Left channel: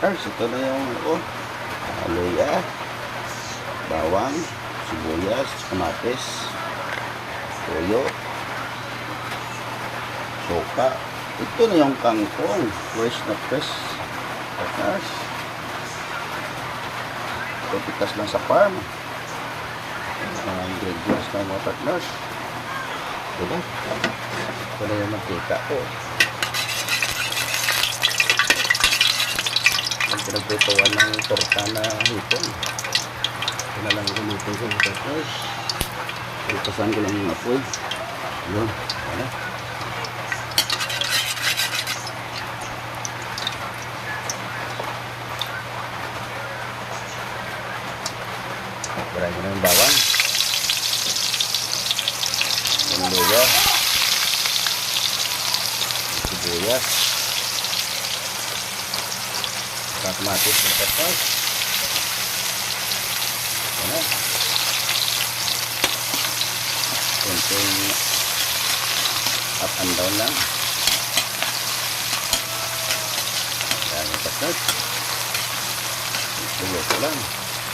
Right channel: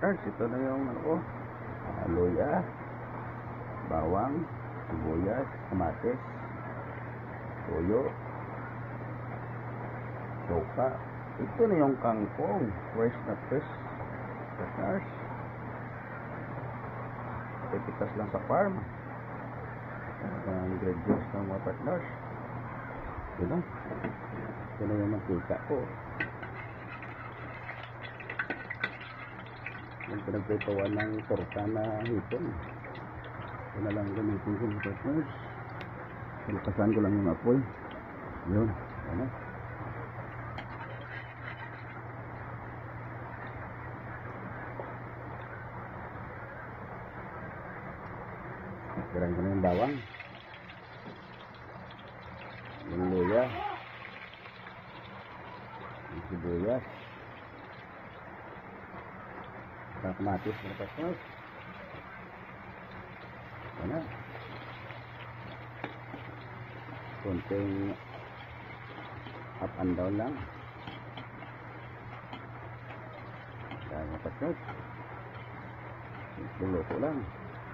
partners. Ito na yung luya, bawang, sibuyas, kamatis, toyo, suka. Ito na yung kangkong, fresh na fresh, partners. Ito pitas lang sa farm. Mga ingredients ng mga partners. Ito na. Ito na yung mantika ko. Ang pinagprituan ng torta na hipon. Ito na lang gamitin ko mga partners. Pagpasan ko lang yung apoy. Yun. Ano? Garayin ko na yung bawang. Yung luya. Yung sibuyas. Kamatis na pesos. Ano? Kunting up and down lang. Yan yung pesos. Luto lang.